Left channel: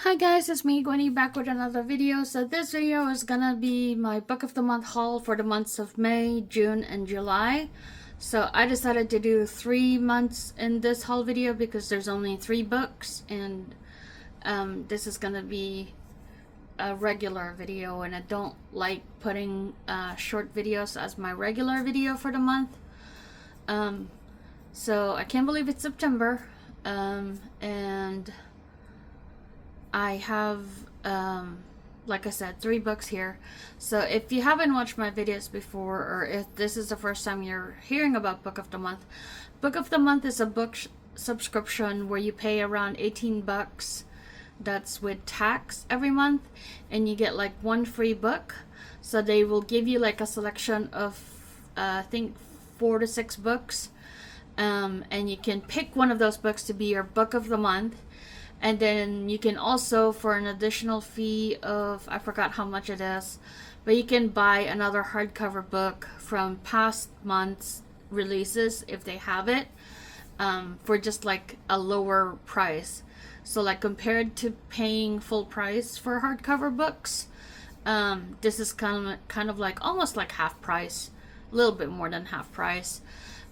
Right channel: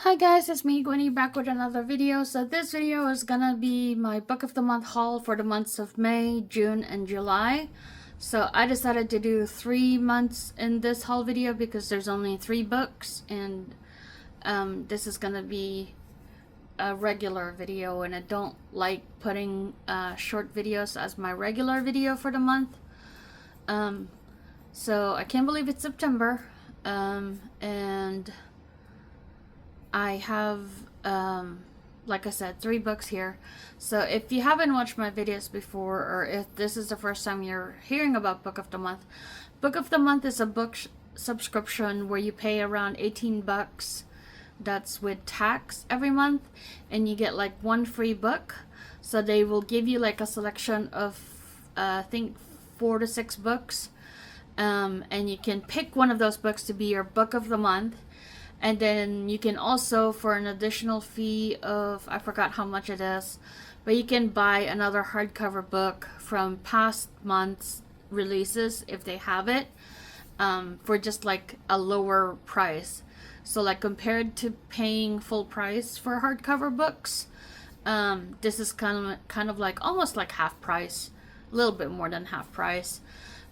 Hi guys, it's me, Gwenny, back with another video. So this video is gonna be my book of the month haul for the months of May, June, and July. So I decided to do 3 months in this haul video because there's only 3 books, and this is gonna be a regular video, and I don't like putting short videos as my regular video for the month. So I can't believe it's September, and I have, like I said, 3 books here. So if you haven't watched my videos before, or if this is the first time you're hearing about Book of the Month, Book of the Month is a book subscription where you pay around 18 bucks. That's with tax every month, and you get like 1 free book. So they will give you like a selection of, I think 4 to 6 books. And you can pick one of those books to be your book of the month. And then you can also, for an additional fee of, I forgot how much it is, but you can buy another hardcover book from past months releases if they have it, for just like a lower price. So like compared to paying full price for hardcover books, this is kind of like almost like half price, a little bit more than half price.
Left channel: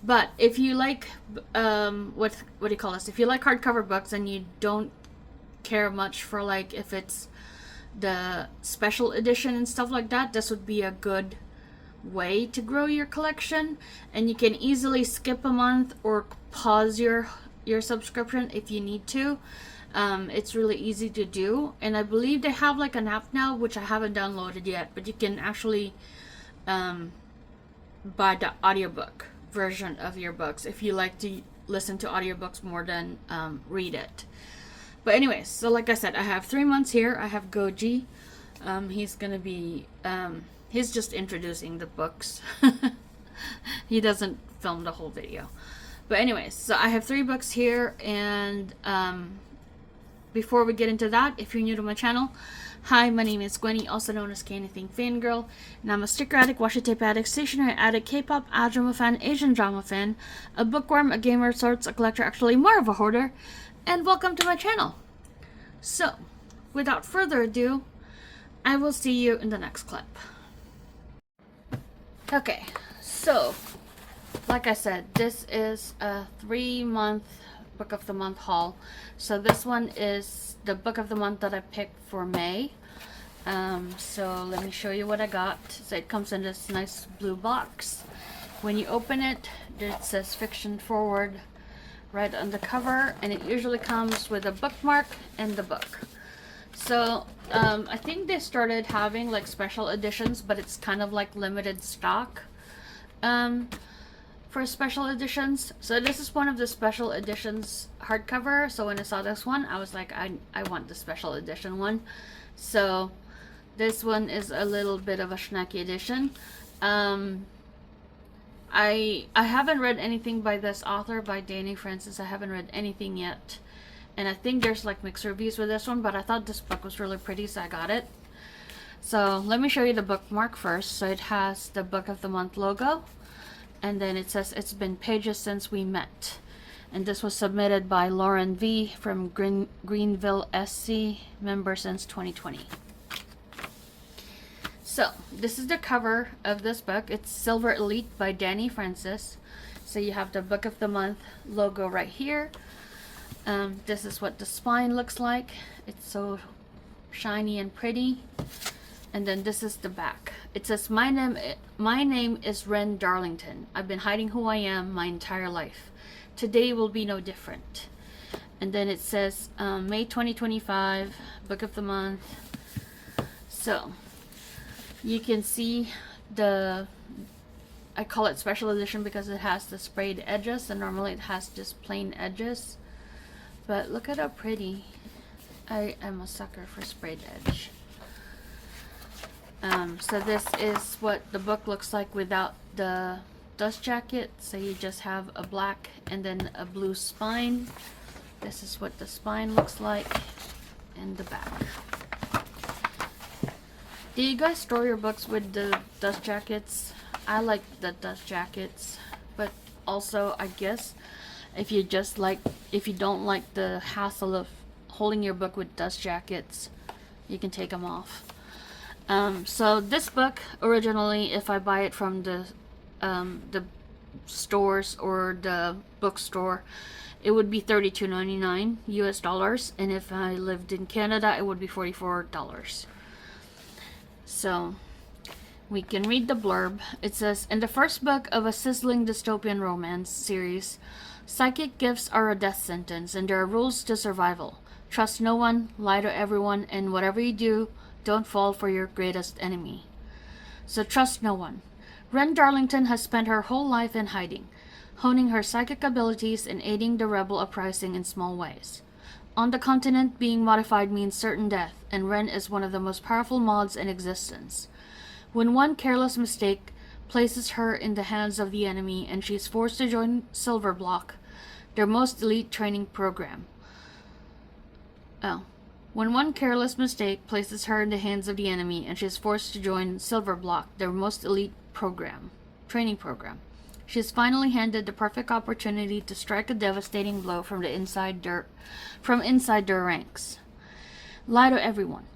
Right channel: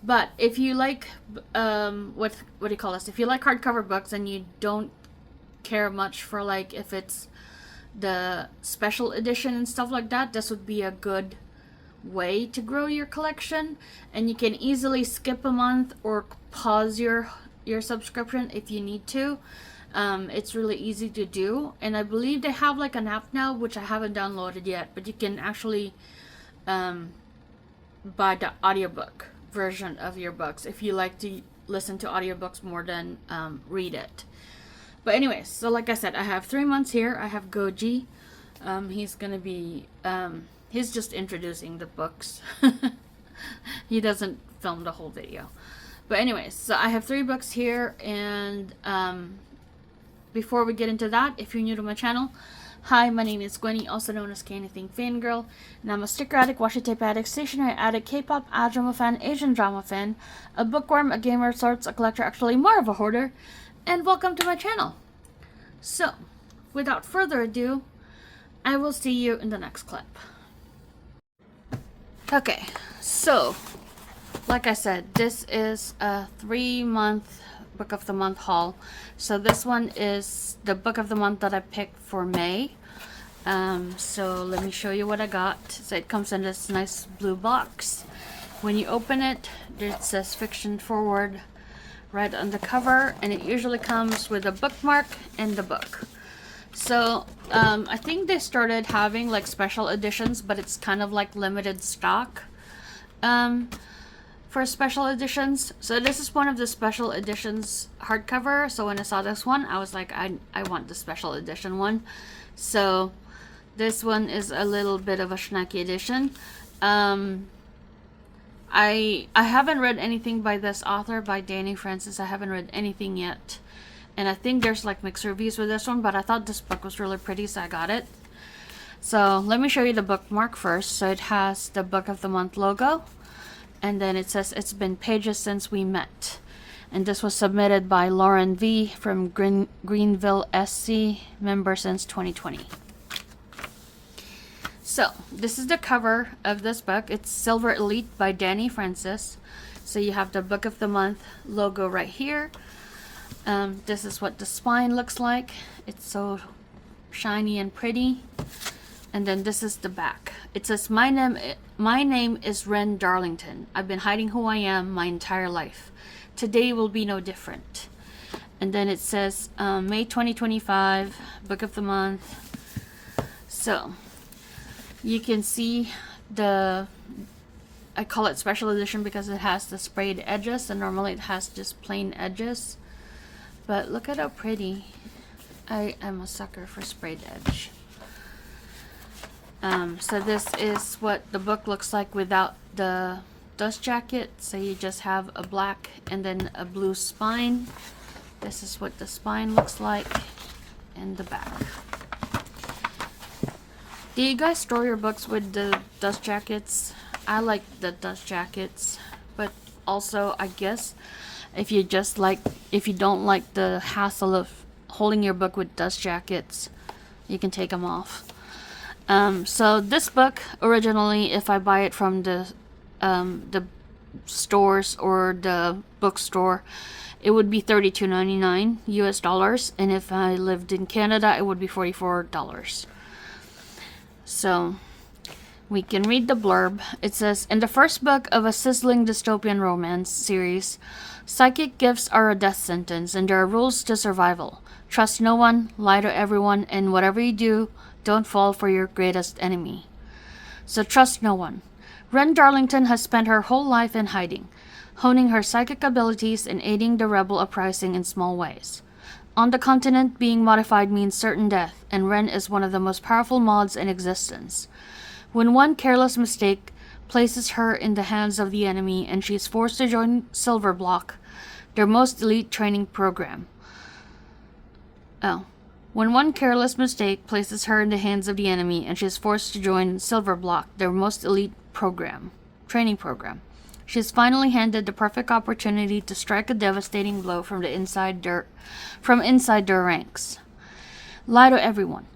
But if you like, what do you call this? If you like hardcover books and you don't care much for like if it's the special edition and stuff like that, this would be a good way to grow your collection. And you can easily skip a month or pause your subscription if you need to. It's really easy to do, and I believe they have like an app now, which I haven't downloaded yet, but you can actually buy the audiobook version of your books if you like to listen to audiobooks more than read it. But anyways, so like I said, I have 3 months here. I have Goji. He's gonna be he's just introducing the books. He doesn't film the whole video. But anyways, so I have 3 books here, and before we get into that, if you're new to my channel, hi, my name is Gwenny, also known as K-Anything Fangirl, and I'm a sticker addict, washi tape addict, stationery addict, K-pop, drama fan, Asian drama fan, a bookworm, a gamer of sorts, a collector, actually more of a hoarder, and welcome to my channel. So, without further ado, I will see you in the next clip. Okay, so, like I said, this is a 3-month book of the month haul. So this one is the book of the month that I picked for May. So let me show you what I got. So it comes in this nice blue box. When you open it, it says Fiction Forward right on the cover, and it usually comes with a bookmark and the book. So I think they started having like special editions, but it's kind of like limited stock for special editions. So this is one of the special editions hardcover. So when I saw this one, I was like, I want the special edition one. So this one is a little bit of a schnacky edition. I haven't read anything by this author, by Danny Francis. I haven't read anything yet, and I think there's like mixed reviews with this one, but I thought this book was really pretty, so I got it. So let me show you the bookmark first. So it has the book of the month logo, and then it says it's been pages since we met, and this was submitted by Lauren V from Greenville, SC, member since 2020. So this is the cover of this book. It's Silver Elite by Danny Francis. So you have the book of the month logo right here. This is what the spine looks like. It's so shiny and pretty. And then this is the back. It says, my name is Ren Darlington. I've been hiding who I am my entire life. Today will be no different. And then it says May 2025, book of the month. So you can see the, I call it special edition because it has the sprayed edges, and normally it has just plain edges. But look at how pretty. I am a sucker for sprayed edge. So this is what the book looks like without the dust jacket. So you just have a black and then a blue spine. This is what the spine looks like in the back. Do you guys store your books with the dust jackets? I like the dust jackets, but also I guess if you don't like the hassle of holding your book with dust jackets, you can take them off. So this book, originally, if I buy it from the stores or the bookstore, it would be $32.99 US dollars, and if I lived in Canada, it would be $44. So we can read the blurb. It says, in the first book of a sizzling dystopian romance series, psychic gifts are a death sentence, and there are rules to survival. Trust no one, lie to everyone, and whatever you do, don't fall for your greatest enemy. So trust no one. Ren Darlington has spent her whole life in hiding, honing her psychic abilities and aiding the rebel uprising in small ways. On the continent, being modified means certain death, and Ren is one of the most powerful mods in existence. When one careless mistake places her in the hands of the enemy and she is forced to join Silverblock, their most elite training program. When one careless mistake places her in the hands of the enemy and she is forced to join Silverblock, their most elite training program. She is finally handed the perfect opportunity to strike a devastating blow from inside their ranks. Lie to everyone.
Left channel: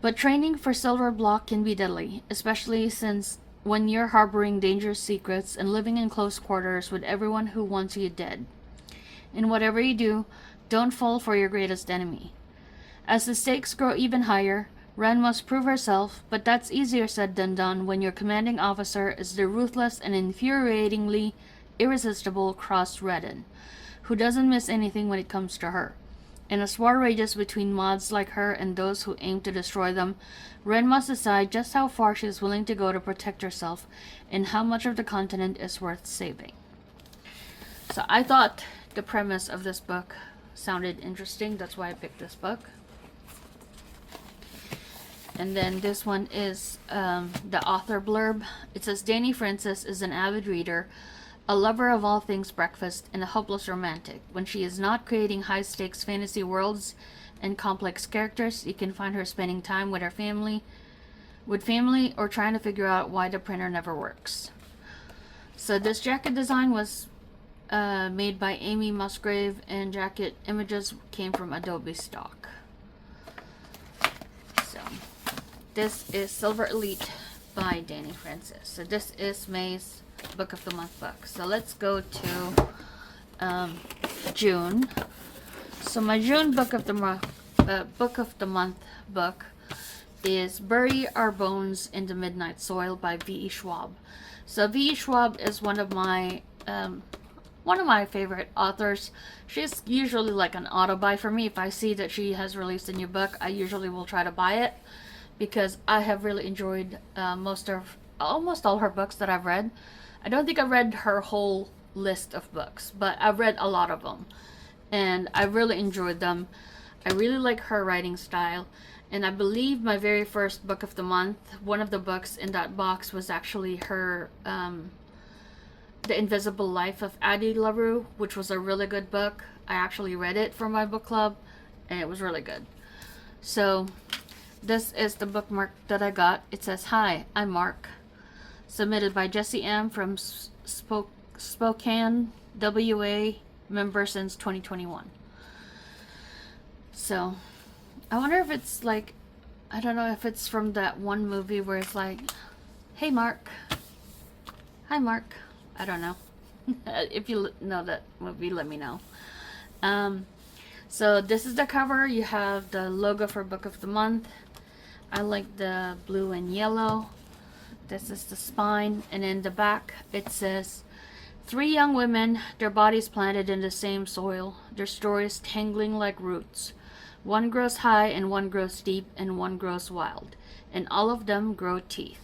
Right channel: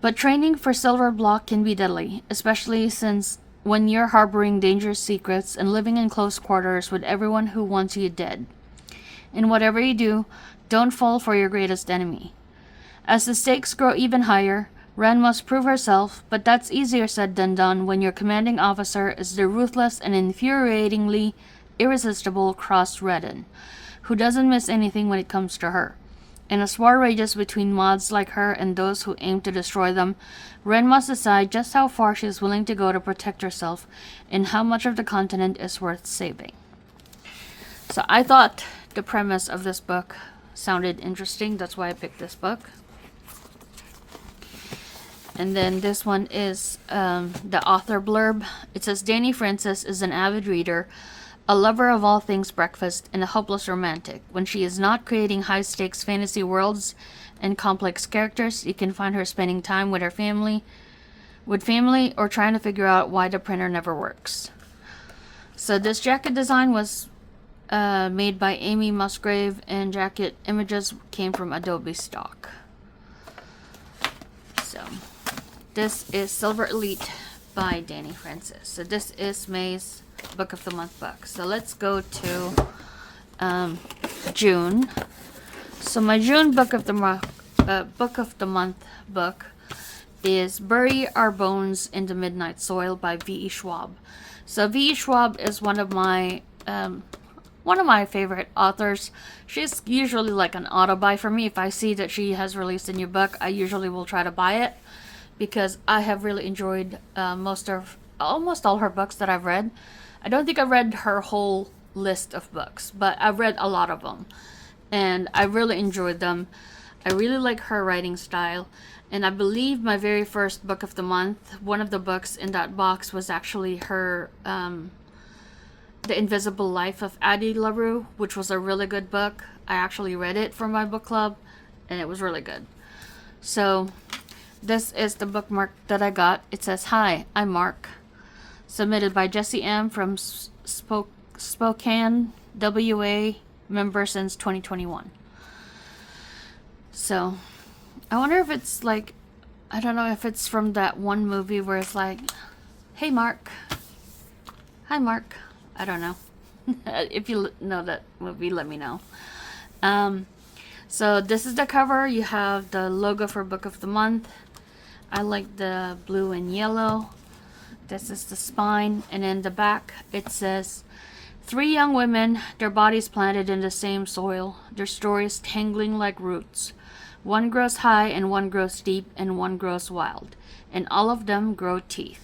But training for Silverblock can be deadly, especially since when you're harboring dangerous secrets and living in close quarters with everyone who wants you dead. And whatever you do, don't fall for your greatest enemy. As the stakes grow even higher, Ren must prove herself, but that's easier said than done when your commanding officer is the ruthless and infuriatingly irresistible Cross Redden, who doesn't miss anything when it comes to her. In a war rages between mods like her and those who aim to destroy them, Ren must decide just how far she is willing to go to protect herself and how much of the continent is worth saving. So I thought the premise of this book sounded interesting. That's why I picked this book. And then this one is the author blurb. It says, Danny Francis is an avid reader, a lover of all things breakfast, and a hopeless romantic. When she is not creating high-stakes fantasy worlds and complex characters, you can find her spending time with family, or trying to figure out why the printer never works. So this jacket design was made by Amy Musgrave, and jacket images came from Adobe stock. So this is Silver Elite by Danny Francis. So this is May's Book of the Month book. So let's go to June. So my June Book of the Month book is Bury Our Bones in the Midnight Soil by V.E. Schwab. So V.E. Schwab is one of my favorite authors. She's usually like an auto buy for me. If I see that she has released a new book, I usually will try to buy it because I have really enjoyed almost all her books that I've read. I don't think I've read her whole list of books, but I've read a lot of them, and I really enjoyed them. I really like her writing style, and I believe my very first book of the month, one of the books in that box was actually her The Invisible Life of Addie LaRue, which was a really good book. I actually read it for my book club, and it was really good. So this is the bookmark that I got. It says, Hi, I'm Mark. Submitted by Jessie M. from Spokane, WA, member since 2021. So, I wonder if it's like, I don't know if it's from that one movie where it's like, Hey Mark. Hi Mark. I don't know. If you know that movie, let me know. So this is the cover. You have the logo for Book of the Month. I like the blue and yellow. This is the spine, and in the back it says, 3 young women, their bodies planted in the same soil, their stories tangling like roots. One grows high, and one grows deep, and one grows wild, and all of them grow teeth.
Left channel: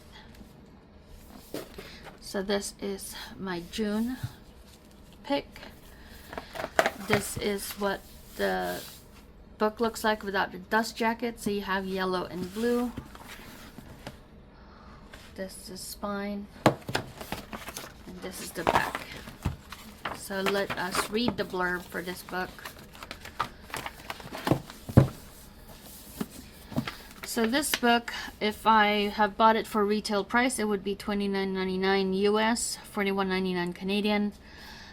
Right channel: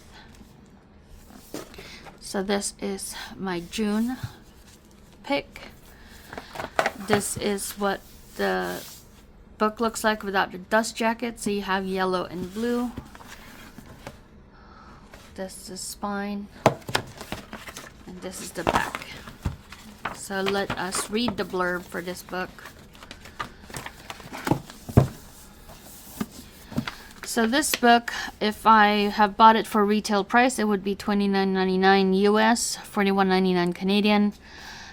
So this is my June pick. This is what the book looks like without the dust jacket. So you have yellow and blue. This is spine, and this is the back. So let us read the blurb for this book. So this book, if I have bought it for retail price, it would be $29.99 US, $41.99 Canadian.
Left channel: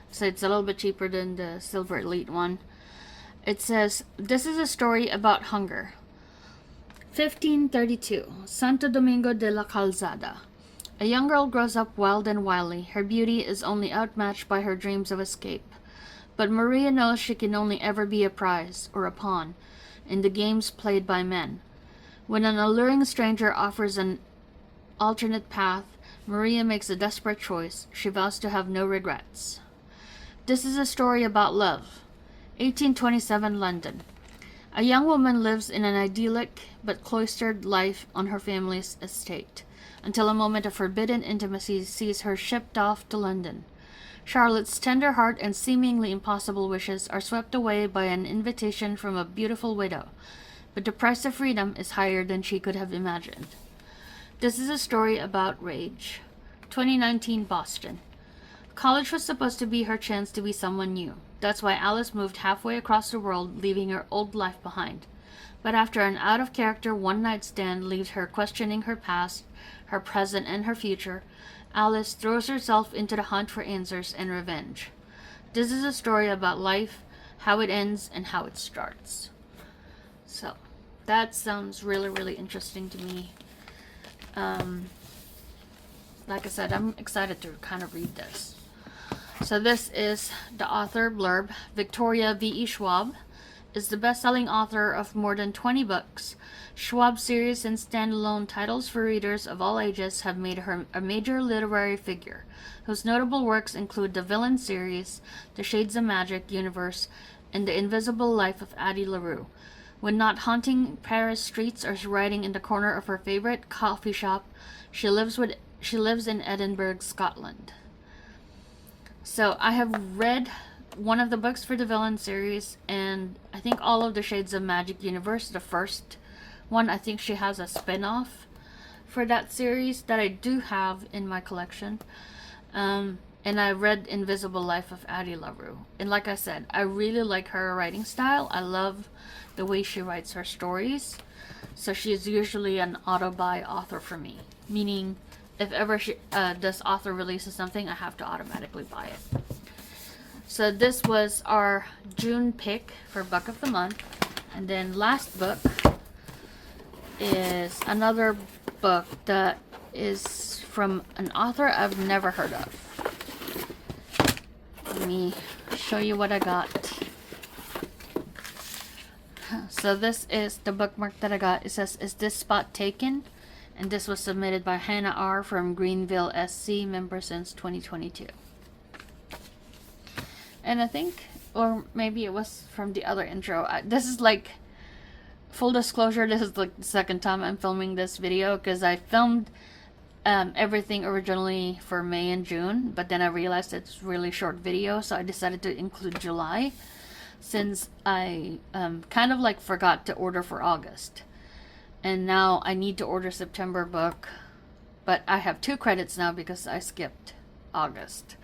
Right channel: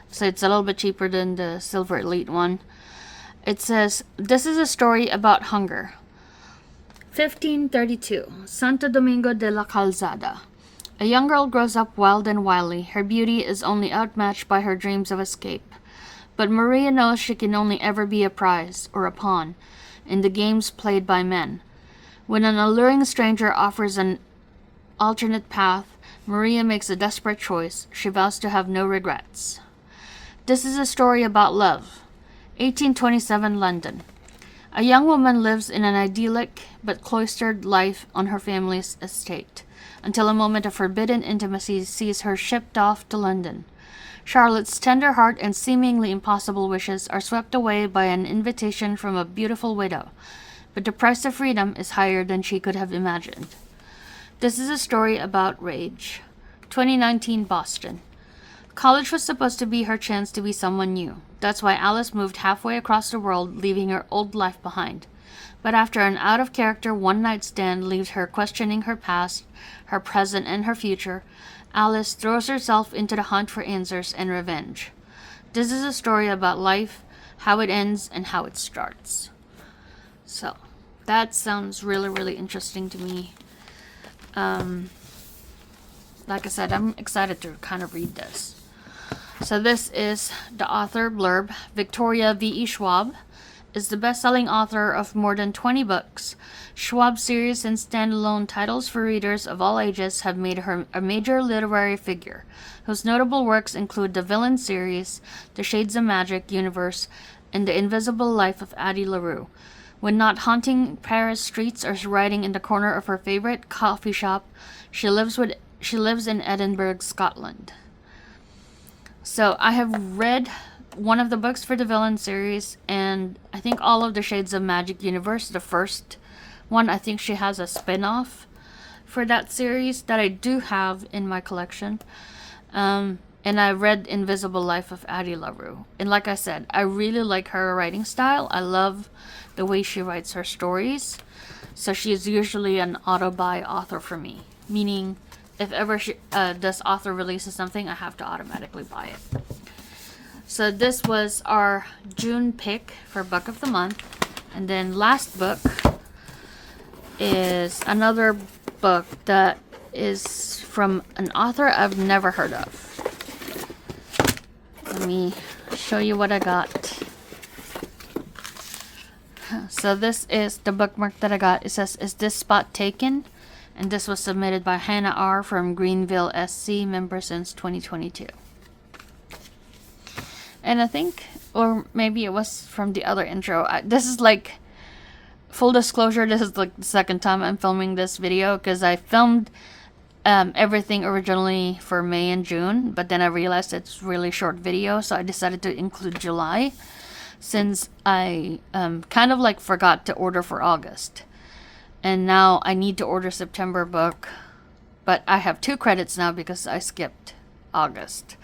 So it's a little bit cheaper than the Silver Elite one. It says, this is a story about hunger. 1532, Santo Domingo de la Calzada. A young girl grows up wild and wily. Her beauty is only outmatched by her dreams of escape. But Maria knows she can only ever be a prize, or a pawn, in the games played by men. When an alluring stranger offers an alternate path, Maria makes a desperate choice. She vows to have no regrets. This is a story about love. 1827 London. A young woman lives in an idyllic but cloistered life on her family's estate, until a moment of forbidden intimacy sees her shipped off to London. Charlotte's tender heart and seemingly impossible wishes are swept away by an invitation from a beautiful widow, but the price of freedom is higher than she could have imagined. This is a story about rage. 2019 Boston. College was supposed to be her chance to be someone new. That's why Alice moved halfway across the world, leaving her old life behind. But after an out-of-character one-night stand leaves her questioning her past, her present, and her future, Alice throws herself into the hunt for answers and revenge. This is a story about life, how it ends, and how it starts. So, that sounds really, really interesting to me. Like I said, I'm excited to kind of read this. So this is the author blurb. Victoria V.E. Schwab is the best-selling author of more than 20 books. Schwab's series and standalone titles for readers of all ages have made her a major literary figure, whose notable works include the Villain series, The Shades of Magic universe, and The Invisible Life of Addie LaRue. When not haunting Paris streets or riding in the corner of her favorite coffee shop, she lives in Edinburgh, Scotland. So I have read one of the books for the Villain series, and I think all of the Shades of Magic universe. The first one, I think she has a spin-off for that series that I do have in my collection. And I read Invisible Life of Addie LaRue. And like I said, I really like her writing style. I love the way she writes her stories. So she is usually an auto-buy author for me. Meaning, if ever this author releases something, I have to automatically buy it. So this was our June pick for Book of the Month. And then last book is another book that is from an author I've never heard of. Let me show you what I got. So this is the bookmark that I got. It says, "Is this spot taken?" And this was submitted by Hannah R. from Greenville, SC, member since 2022. And I think, or maybe it was from the other intro. This is like, full disclosure, this is like the second time I'm filming this video, because I filmed everything originally for May and June, but then I realized it's really short video, so I decided to include July, since I kind of like forgot to order for August. And now I need to order September book, but I have 2 credits now because I skipped August.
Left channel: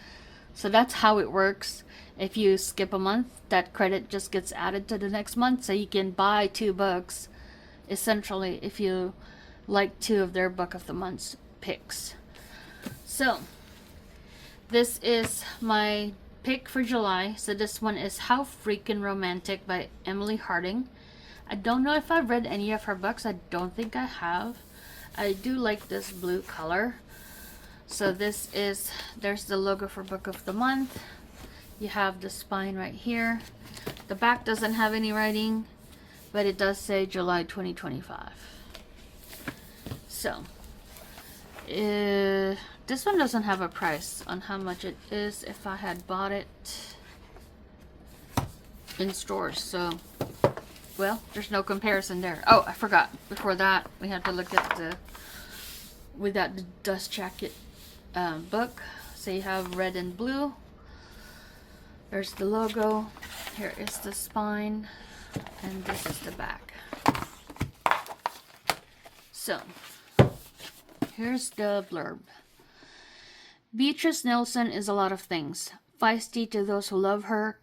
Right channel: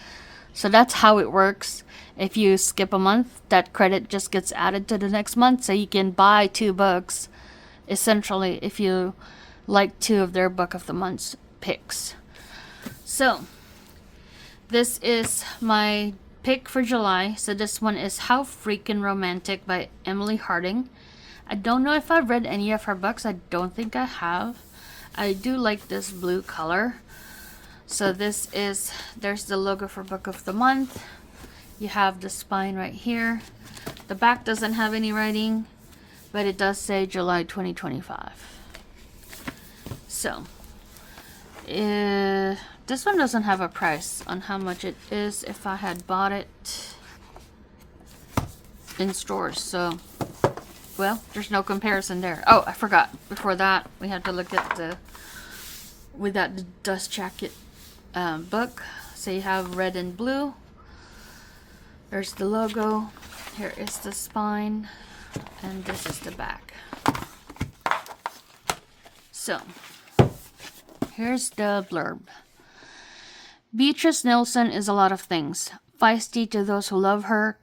So that's how it works. If you skip a month, that credit just gets added to the next month, so you can buy 2 books, essentially, if you like 2 of their Book of the Month picks. So, this is my pick for July. So this one is How Freakin' Romantic by Emily Harding. I don't know if I've read any of her books. I don't think I have. I do like this blue color. So this is, there's the logo for Book of the Month. You have the spine right here. The back doesn't have any writing, but it does say July 2025. So, this one doesn't have a price on how much it is if I had bought it in stores. So, well, there's no comparison there. Oh, I forgot. Before that, we have to look at the dust jacket book. So you have red and blue. There's the logo. Here is the spine. And this is the back. So, here's the blurb. Beatrice Nilsson is a lot of things. Feisty to those who love her,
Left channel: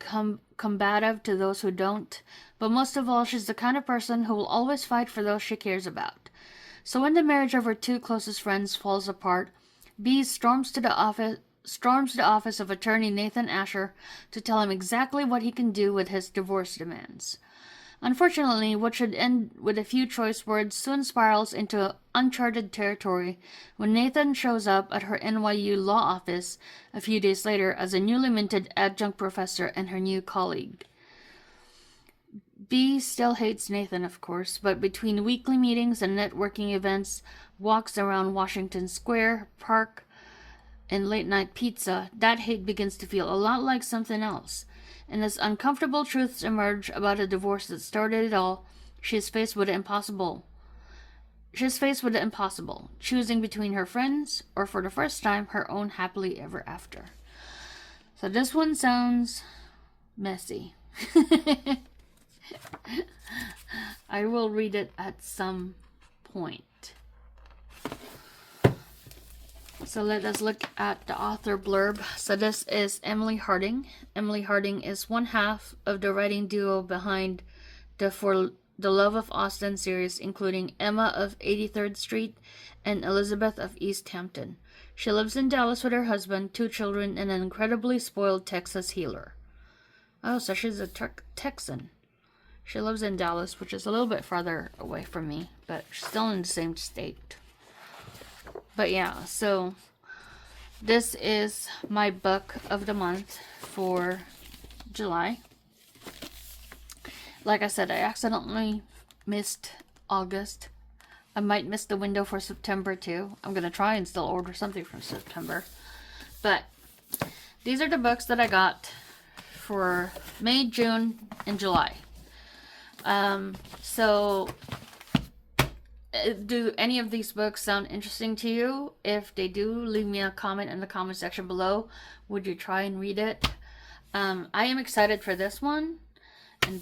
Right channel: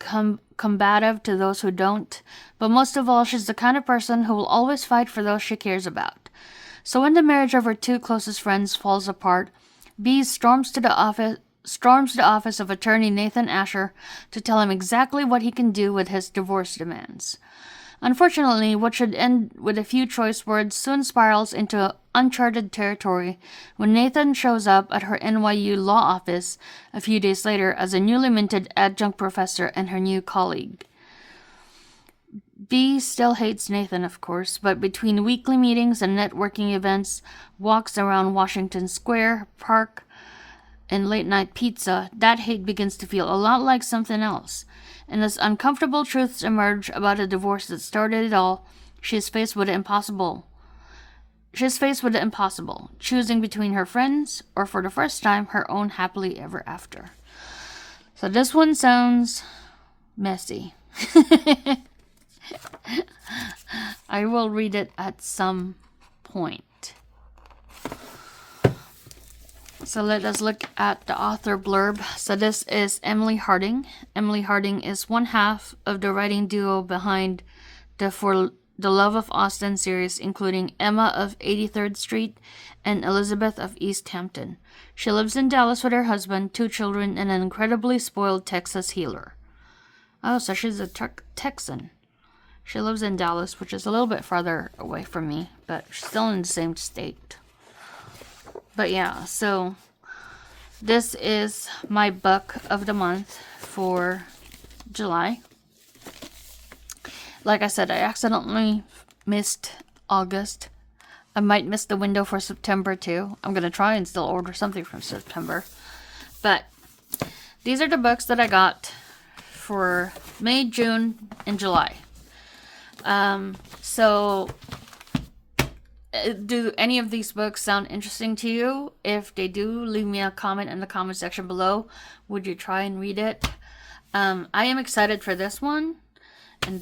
combative to those who don't, but most of all, she's the kind of person who will always fight for those she cares about. So when the marriage of her 2 closest friends falls apart, Bee storms to the storms the office of attorney Nathan Asher to tell him exactly what he can do with his divorce demands. Unfortunately, what should end with a few choice words soon spirals into uncharted territory when Nathan shows up at her NYU law office a few days later as a newly minted adjunct professor and her new colleague. Bee still hates Nathan, of course, but between weekly meetings and networking events, walks around Washington Square Park, and late-night pizza, that hate begins to feel a lot like something else. And as uncomfortable truths emerge about a divorce that started it all, she is faced with the impossible. Choosing between her friends or, for the first time, her own happily ever after. So this one sounds messy. I will read it at some point. So let us look at the author blurb. So this is Emily Harding. Emily Harding is one half of the writing duo behind the For the Love of Austin series, including Emma of 83rd Street and Elizabeth of East Hampton. She lives in Dallas with her husband, 2 children, and an incredibly spoiled Texas healer. Oh, so she's a Texan. She lives in Dallas, which is a little bit farther away from me, but still in the same state. But yeah, so this is my book of the month for July. Like I said, I accidentally missed August. I might miss the window for September too. I'm going to try and still order something from September. But these are the books that I got for May, June, and July. So do any of these books sound interesting to you? If they do, leave me a comment in the comment section below. Would you try and read it? I am excited for this one, and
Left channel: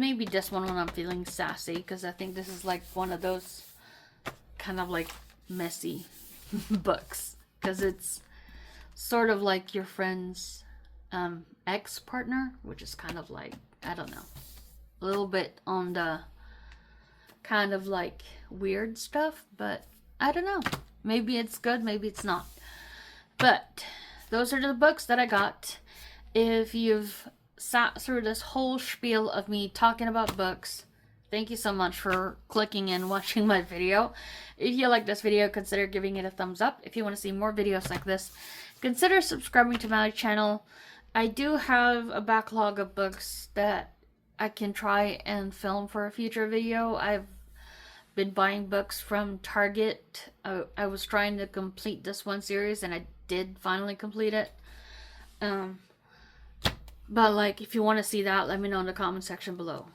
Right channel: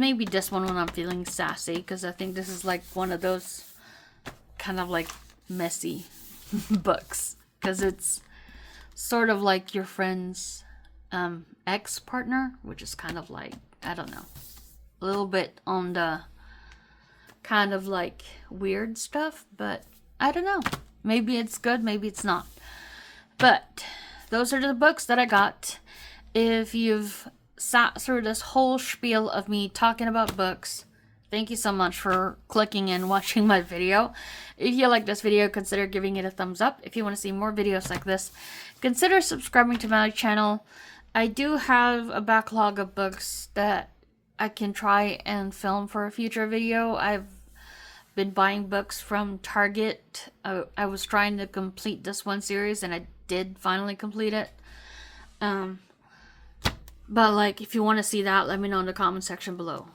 maybe this one when I'm feeling sassy, because I think this is like one of those kind of like messy books, because it's sort of like your friend's ex-partner, which is kind of like, I don't know, a little bit on the kind of like weird stuff, but I don't know. Maybe it's good, maybe it's not. But those are the books that I got. If you've sat through this whole spiel of me talking about books, thank you so much for clicking and watching my video. If you like this video, consider giving it a thumbs up. If you want to see more videos like this, consider subscribing to my channel. I do have a backlog of books that I can try and film for a future video. I've been buying books from Target. I was trying to complete this one series, and I did finally complete it. But like, if you want to see that, let me know in the comment section below.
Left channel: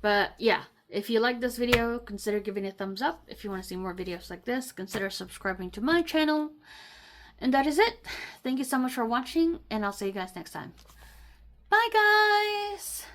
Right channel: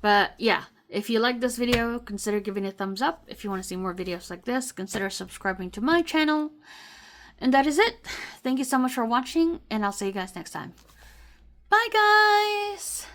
But yeah, if you like this video, consider giving it a thumbs up. If you want to see more videos like this, consider subscribing to my channel. And that is it. Thank you so much for watching, and I'll see you guys next time. Bye, guys!